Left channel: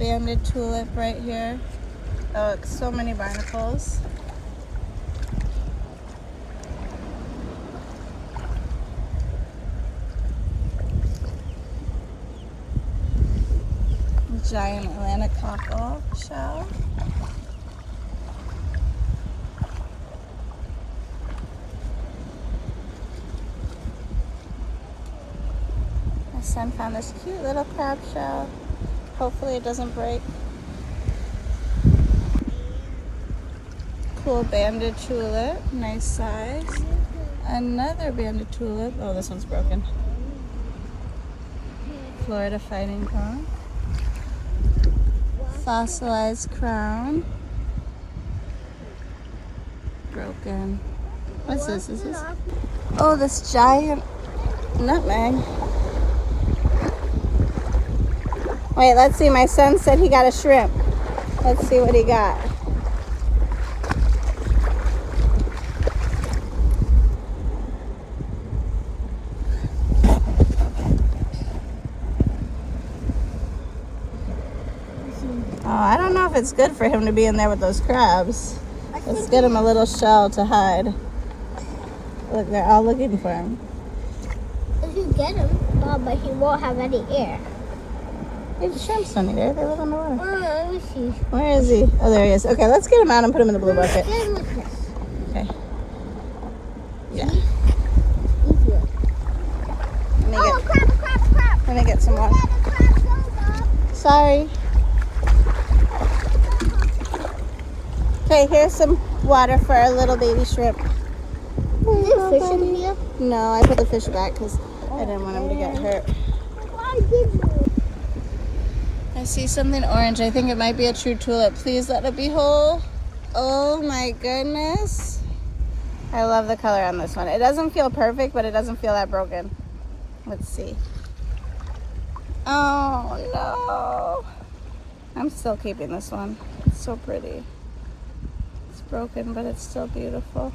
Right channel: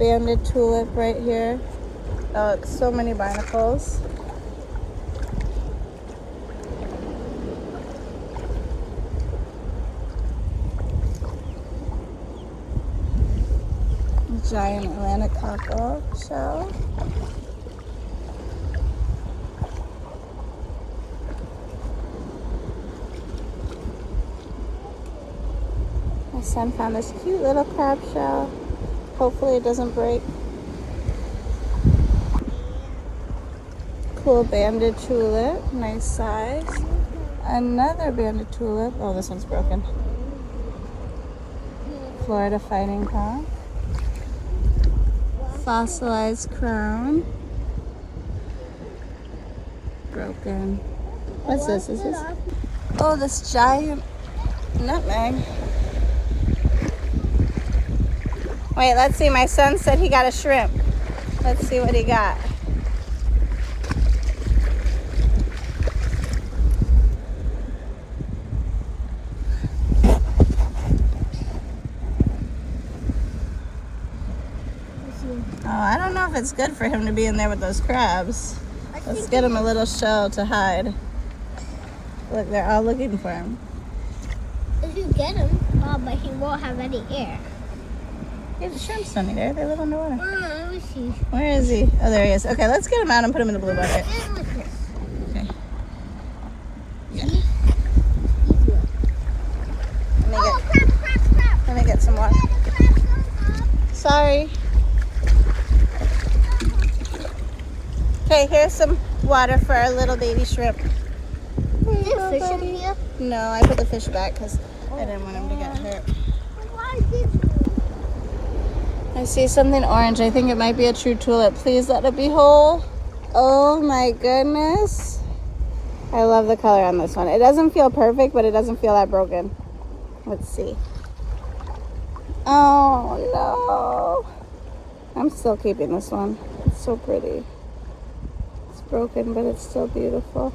banded tulip right here. Oh, it's so many barnacles. Giant Atlantic cockle shell. My son found this cute little crab shell. Hopefully it doesn't break. Cool banded tulip, nice size. Another banded tulip. Oh, this one's broken. Florida fighting conch. Fossilized crown. Broken. What's this? Is this? Oh, this giant nutmeg. Wait, let's see. My son said he got a shrimp. Let's see what he got. Oh, I don't know if it's good for him to be in there with those crabs. Let's get him a little shell to hide. Look, they're all looking for him. If you get him, but he won't have any air. The shrimps don't need air. They live on the water. Let me see. Where is he? Oh, there he is. Okay, let's get him out and put him in the blue bucket. Okay. Yeah. Let me get some water. Sorry. Okay, here's some water for our little baby shrimp. Is there fish in here? No, I put the fish back because I didn't want him to get hurt. I see something orange. I think it might be a true tulip. Please let it be whole. Oh my goodness. I love the color on this one. It doesn't feel perfect, but it doesn't feel that broken. Let's see. Oh no. I'm still keeping this one. It's so pretty. It's broken, but it's still beautiful.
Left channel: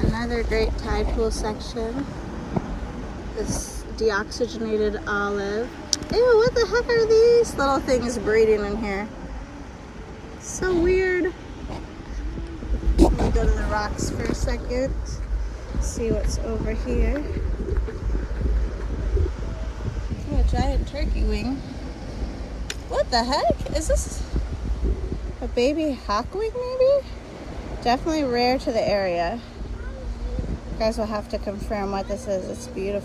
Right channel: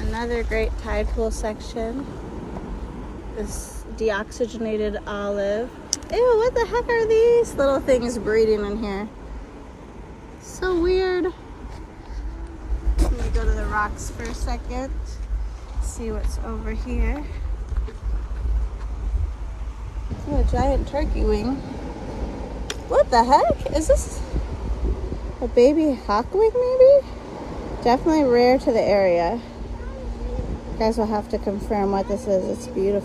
Another great tide pool section. This deoxygenated olive. Ew, what the heck are these little things breeding in here? So weird. Let me go to the rocks for a second. See what's over here. Ooh, a giant turkey wing. What the heck? Is this a baby hawkwing maybe? Definitely rare to the area. You guys will have to confirm what this is. It's beautiful.